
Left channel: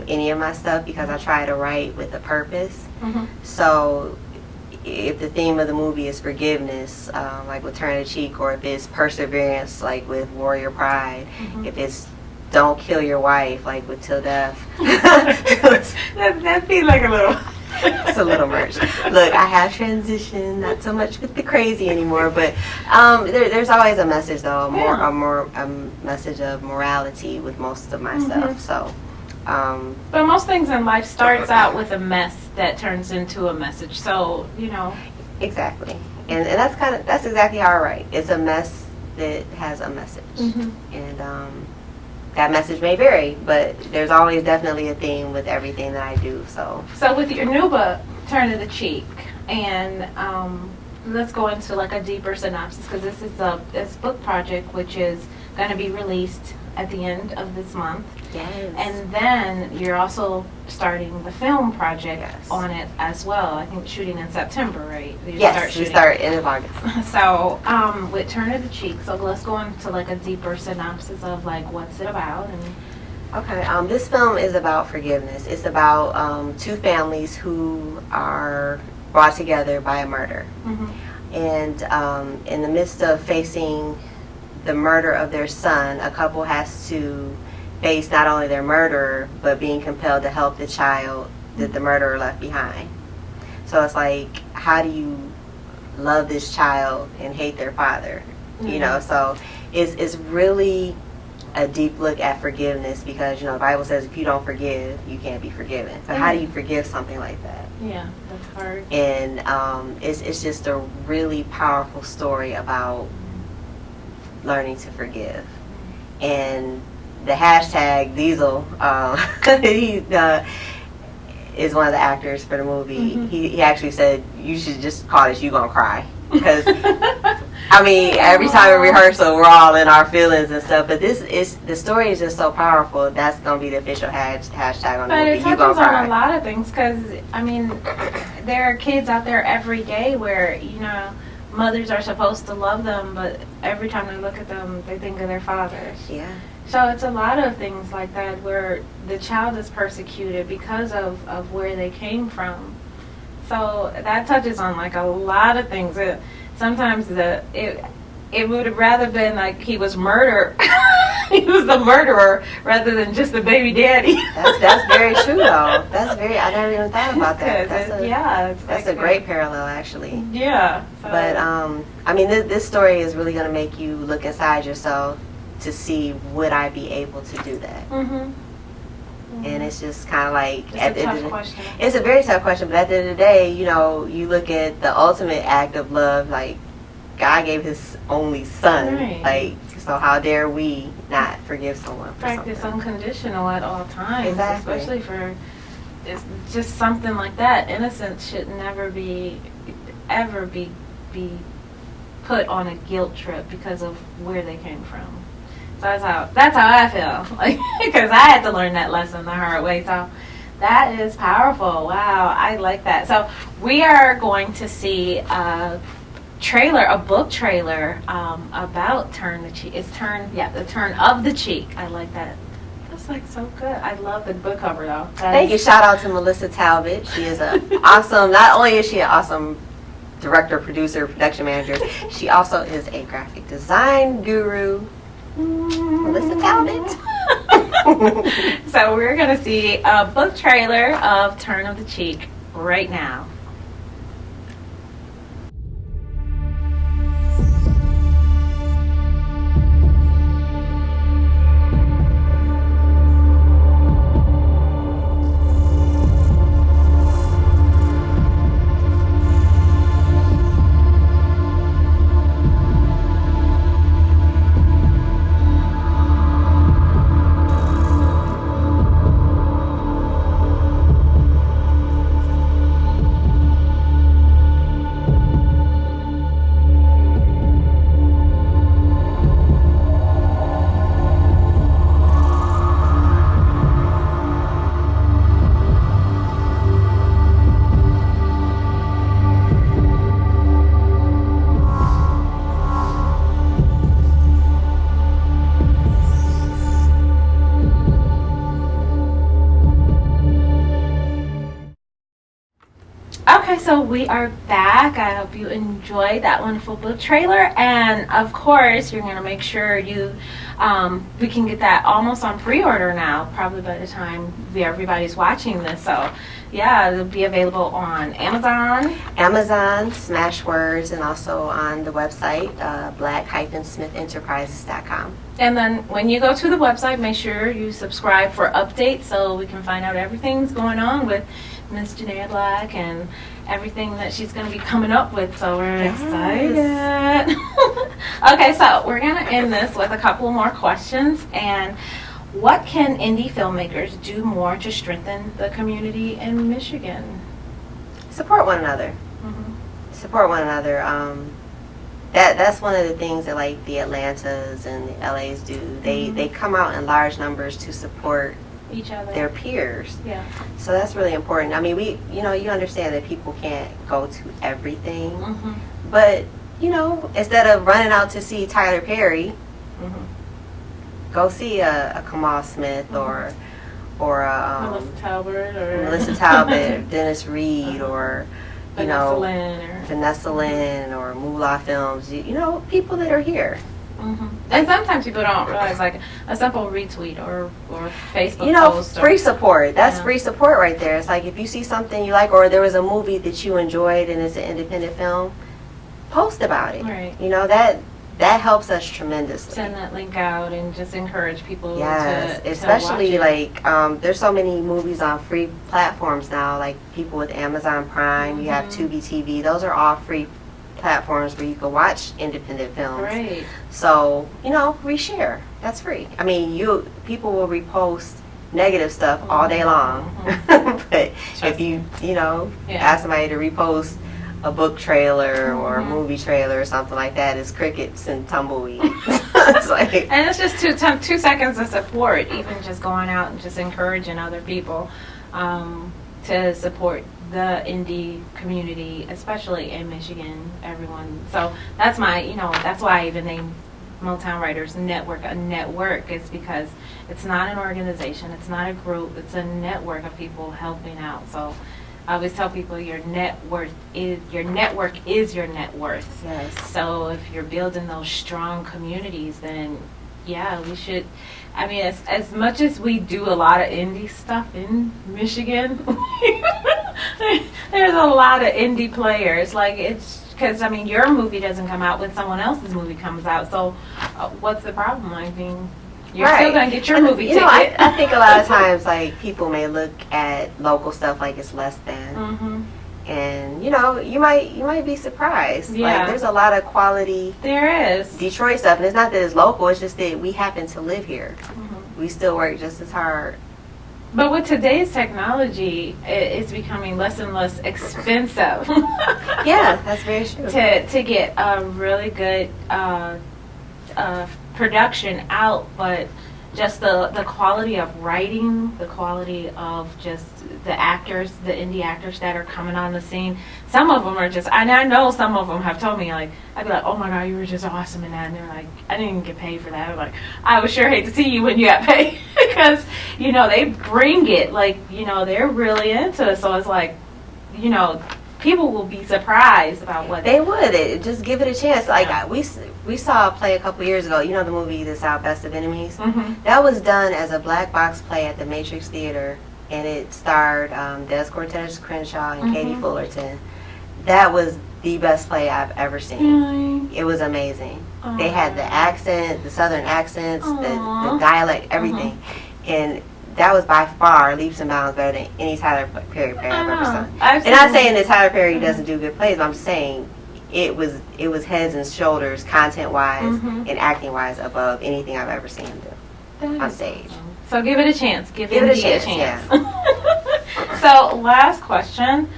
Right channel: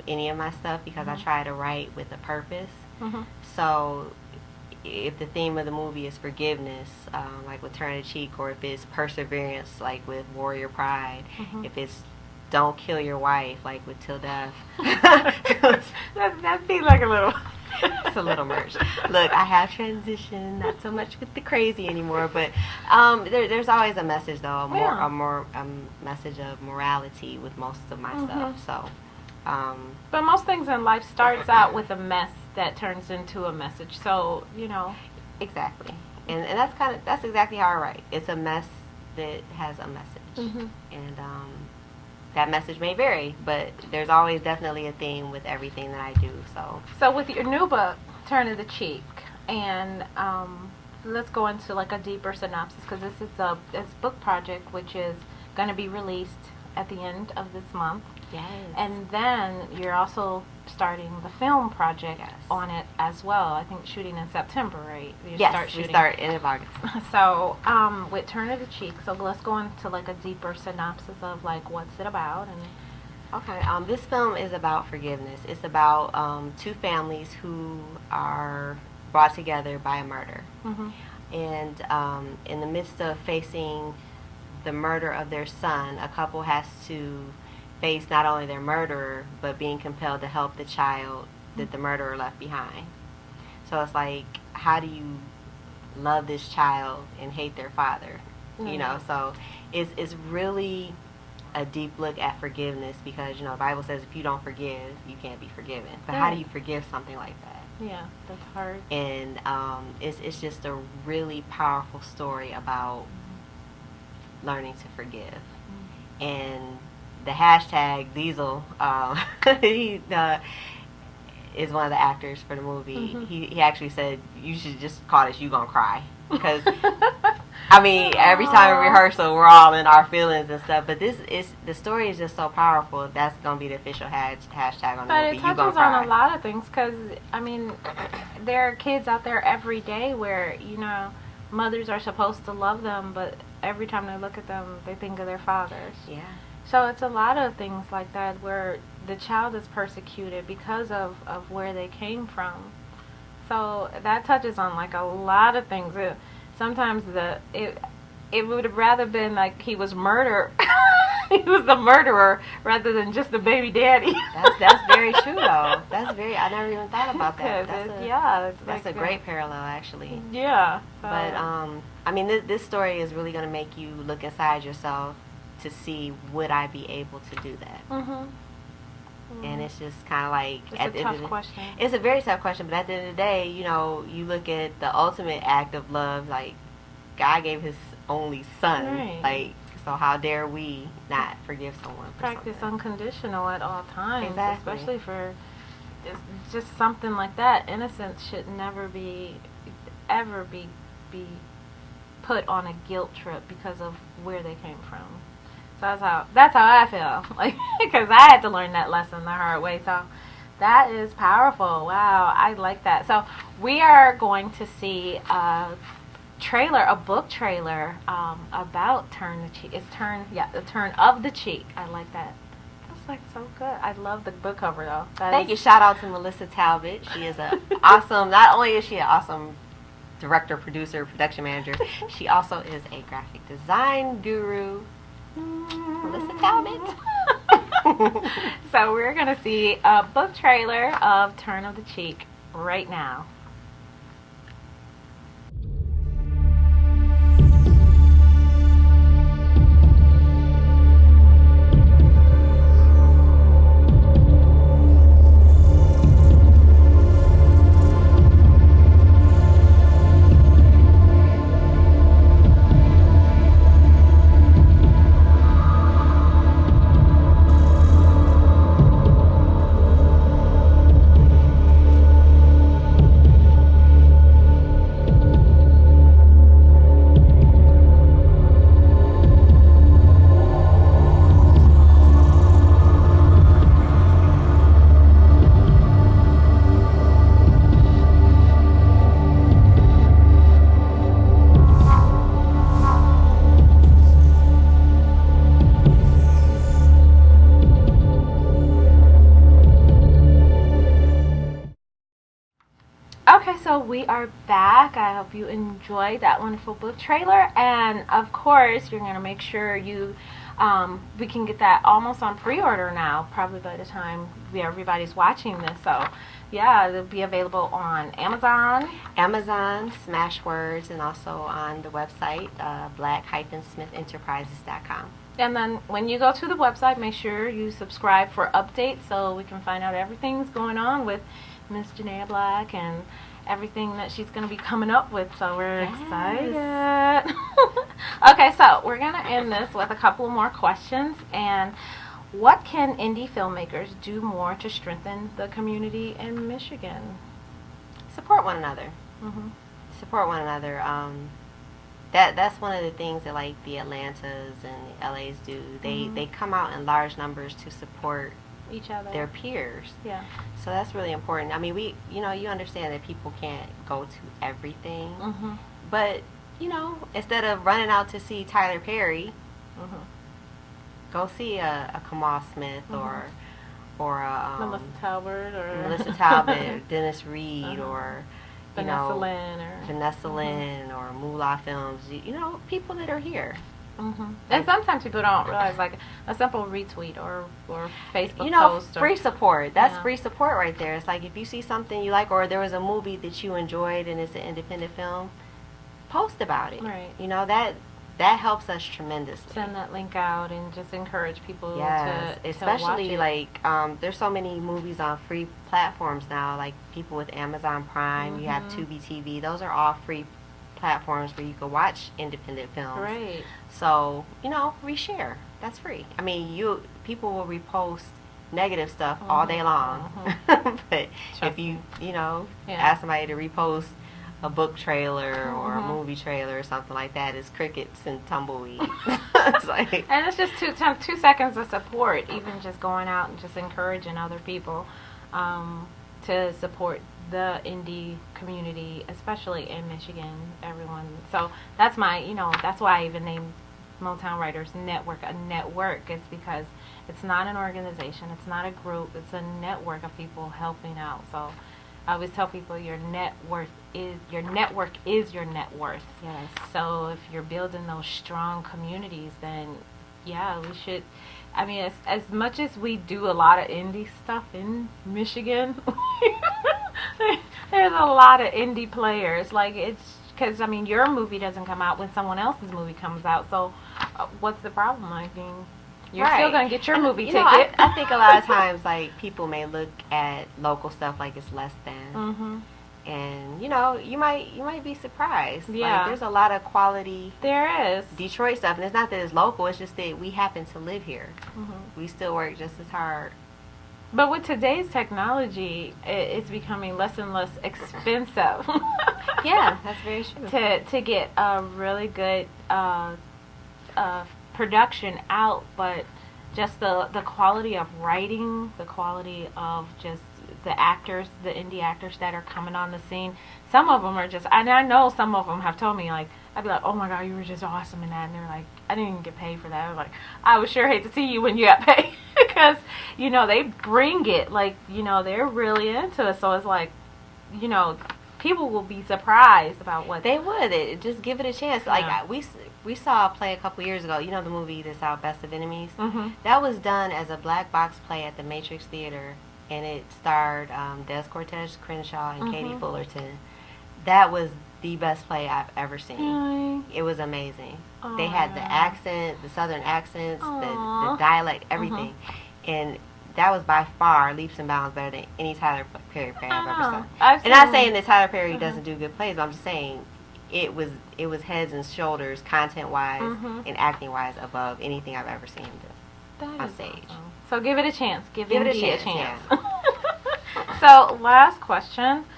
any of my stuff, because I try to write with a purpose. Mm-hmm. So if the theme of the movie is forgiveness, like with Turn the Cheek, or if it's perseverance, like with Warrior Pride, Mm-hmm. if it's don't kill your wife, like with Till Death. That'd be like a little... It's a little merch. Look, I have transitioned, not so much with the crazy anymore, but there's always a message, though, a message of morality with most of my stuff. So, But most things in life starts out with a mess that turns into a message. So, exactly, and that's exactly how I write. It's a mess that has a message, and that message may vary, but there's always definitely a theme with everything that I do. So with your new book, Turn of the Cheek, and let's go into like a deeper synopsis, because this book project, which is going to be released at the end of this month. Yes. And then you're also starting the film project on it as well. I think shooting in September, right? Yes, we start end of August. So with Turn of the Cheek, so let's go into like a deeper synopsis of like what's it about. And okay, this film is about forgiveness. It's about two families who are brought together by a murder. And in the midst of facing the murder of their son, a couple has to face not only their murderer, but being compelled to help the child that the murderer left behind. So it's like, how do you love this child and hate their father? So it's really a deep look at forgiveness, because the Bible says if you don't forgive, you can't be forgiven. So how do you forgive something like that? Yeah, that's hard. And it's just a really powerful story about learning to forgive. And the hashtag Diesel, he is one of the actors for the movie. He actually said, you should just call this You Gonna Cry. Because, I mean, every time in rehearsal, we're all in our feelings and stuff. But the story is just so powerful. That's going to be the official hashtag on the movie. But it touches on a lot of things, because, I mean, there are kids out there every day where, mothers are supposed to love them, but every time they look at them, they think of their fathers. Yeah. So it's a lot of things like that where the child is persecuted because of where they came from. So that touches on like a lot of things. Sometimes it would have rather been like he was murdered. He was the murderer rather than just the baby daddy. That's very true, though. I never even thought about that. That's a great parallel, actually. Yeah. So. But I mean, this story is really going to make you look inside yourself to see, would I be able to do that? And it's just kind of like, it's a tough question. It's a very tough question, but at the end of the day, you look at the ultimate act of love, like God gave His only Son. Right. Like, so how dare we not forgive someone for Practice something? Unconditional at all times, Exactly. especially for it's just something like that. Innocence should never ever be put on a guilt trip because of where they came from. So that's how I feel, like, because I had to learn that lesson the hard way. So that is powerful. Wow, I like that. So we are going to see a book trailer about Turn the Cheek. It's the Turn of the Cheek. I like that. That's like so good. I love the book cover though. Thank you. Shout out to Melissa Talbot. She is awesome. Not only is she an awesome director, producer, production manager, she also is a graphic design guru. Melissa Talbot. So we're going to see a book trailer of Turn of the Cheek right now. so we are back. I hope you enjoyed that wonderful book trailer. And of course, you're going to make sure we can get that almost on pre-order now, probably by the time everybody's watching this. So, yeah, it'll be available on Amazon. Amazon, Smashwords, and also on the website, black-smithenterprises.com. And then when you go to the website, make sure you subscribe for updates so we can find out everything's going on with Miss Janaya Black and everything that she's going to be coming up with. So we're excited. Okay, so we're going to end this with a couple more questions. And what can indie filmmakers do more to strengthen the community in Michigan? Support one another. Support one another. That's one of the things that like the Atlantas and the LAs do. They come out in large numbers to support each other, their peers. Yeah. So that's really important. I mean, you understand that people can't go to everything, but instead of running out to see Tyler Perry, go see a Kamal Smith or a Melissa Talbot, Dennis Reed, or Vanessa Lynn or Moolah Films. People that are here. And sometimes people don't realize, like a simple retweet or Facebook post. Free support. That's free support right there. It's like if you see something you like, or there was a movie that you enjoyed and it's an independent film, post about it. Right. That helps us tremendously. Send that link out and just encourage people to especially to watch it. There's so many movies on free platforms now, like people with Amazon Prime, you have Tubi TV. Those are all free platforms where you can watch independent films. Right. So, reshare. That's free. I mean, people will repost negative stuff all day long. But if you ask somebody to repost a book trailer or a movie trailer or something like that, it's crickets and tumbleweeds. And it's just 2 seconds of support, even just going out and just encouraging other people to support the indie community, especially in Michigan, everyone. So that's that's why I even named Motown Writers Network a network, is because it's not an organization, it's not a group, it's a network of people helping out. So I always tell people your network is your net worth. Yes. So if you're building those strong communities, then we should. I mean, as much as we do a lot of indie stuff in Michigan, there's a lot of indie players. Like, it's because, I mean, your movie doesn't come out when someone else's movie comes out. So what's the problem? I mean, you're still going to get your movie ticket. I think a lot of times, like, people may look at local stuff like it's less than. And you might be surprised. Yeah. Like, there's a lot of quality. There is Detroit stuff, and it's not that it's local. It's just that we happen to live here. We still work just as hard. But with today's technology, it's becoming less and less expensive. Yeah, that's very true. To get a really good production out, but just the quality of writing, the quality of just the actors, the indie actors that are coming on the scene. Some of them are just, and I know some of them have told me, like, I'd be like, oh my God, you were just awesome in that. And they're like, I didn't even get paid for that. I'm like, I would sure hate to see you when you got paid. Because, they bring it, like, they're really into it. So it's like, people will be surprised about what they would. Just give it a chance. Like, we saw a play a couple years ago. The movie that's out, Best of Enemies? That was done as a black box play at the Matrix Theater, and it starred Des Cortez Crenshaw and Katie Fullerton. That was the best play I've ever seen. It was amazing. They had the accent, the southern accents, the dialect, everything. And that was by far leaps and bounds better than any Tyler Perry play I've ever seen. And not saying that Tyler Perry doesn't do good plays, but I'm just saying it was heads and shoulders, content-wise and acting-wise, above anything I've ever seen him do on stage. Awesome. So give it a chance. Give it a chance. Yeah. So last question.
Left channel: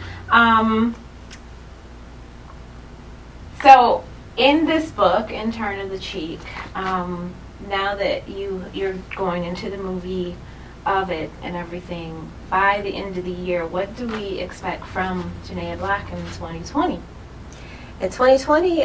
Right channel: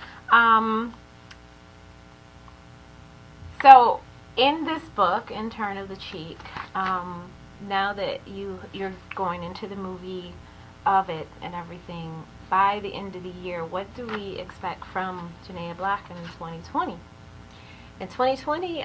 So in this book, In Turn of the Cheek, now that you're going into the movie of it and everything, by the end of the year, what do we expect from Janaya Black in 2020? In 2020,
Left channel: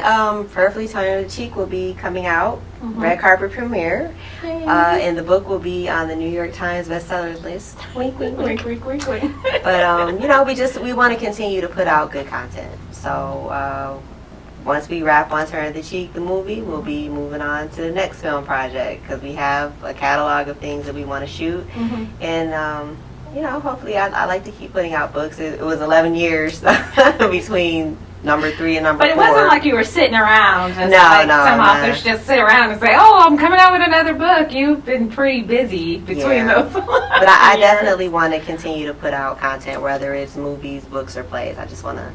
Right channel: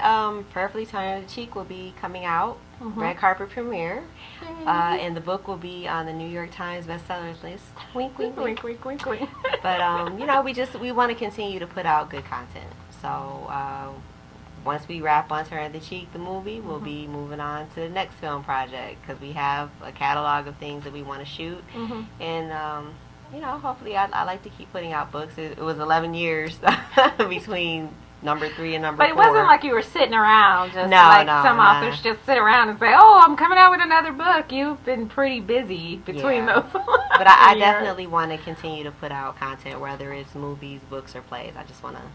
Perfectly Toned the Cheek will be coming out, red carpet premiere, and the book will be on the New York Times bestsellers list. Wink, wink, wink. Wink, wink, wink, wink. But you know, we want to continue to put out good content. So once we wrap on Turn the Cheek, the movie, we'll be moving on to the next film project because we have a catalog of things that we want to shoot, and you know, hopefully, I like to keep putting out books. It was 11 years between number 3 and number 4. But it wasn't like you were sitting around. Just No, like no, some no. authors just sit around and say, "Oh, I'm coming out with another book." You've been pretty busy between those. But I definitely want to continue to put out content, whether it's movies, books, or plays. I just want to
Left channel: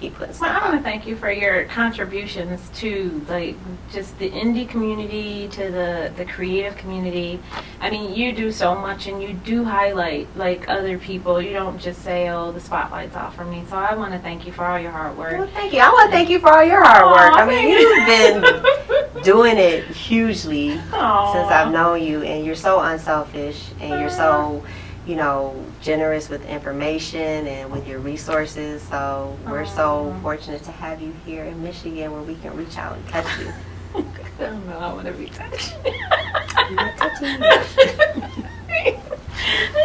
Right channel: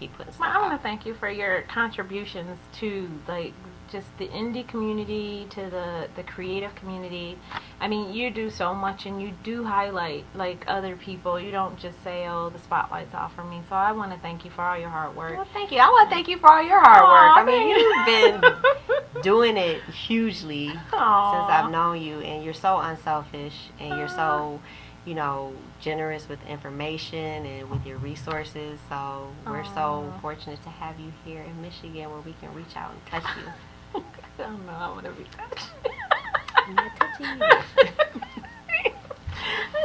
keep putting stuff Well, I want to out. thank you for your contributions to like just the indie community, to the creative community. I mean, you do so much, and you do highlight like other people. You don't just say, "Oh, the spotlight's off for me." So I want to thank you for all your hard work. Well, thank you. I want to thank you for all your hard work. Aw, I mean, thank you've been doing it hugely Aw. since I've known you, and you're so unselfish, and you're so, you know, generous with information and with your resources. So we're so fortunate to have you here in Michigan where we can reach out and touch you. I don't know. I want to be touched. You're touching me.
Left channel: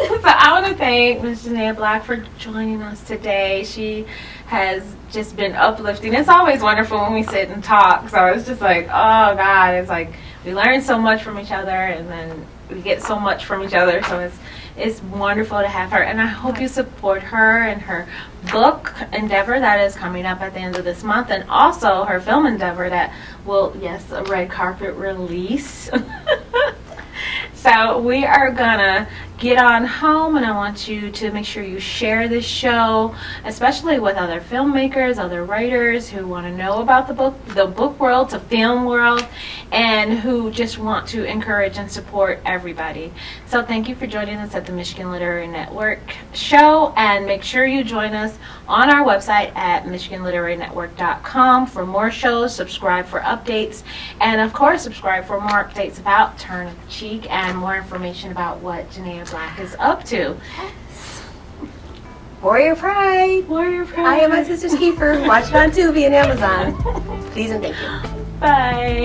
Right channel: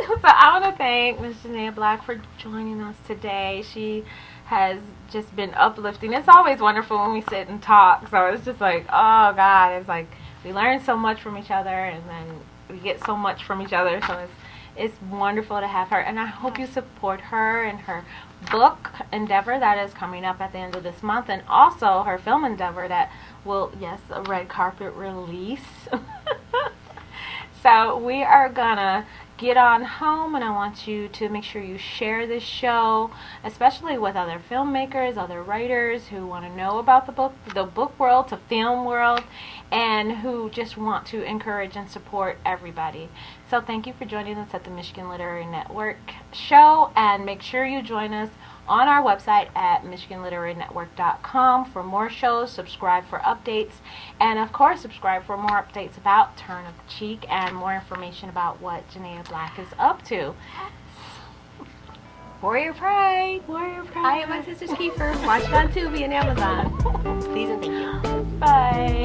So I want to thank Ms. Janaya Black for joining us today. She has just been uplifting. It's always wonderful when we sit and talk. So it's just like, oh God, it's like we learn so much from each other, and then we get so much from each other. So it's wonderful to have her, and I hope you support her and her book endeavor that is coming up at the end of this month, and also her film endeavor that will, yes, a red carpet release. So we are gonna get on home, and I want you to make sure you share this show, especially with other filmmakers, other writers who want to know about the book world, the film world, and who just want to encourage and support everybody. So thank you for joining us at the Michigan Literary Network show, and make sure you join us on our website at MichiganLiteraryNetwork.com for more shows. Subscribe for updates, and of course subscribe for more updates about Turn of the Cheek and more information about what Janaya Black is up to. Warrior Pride. Warrior Pride. I am my sister's keeper. Watch it on Tubi and Amazon. Please and thank you. Bye.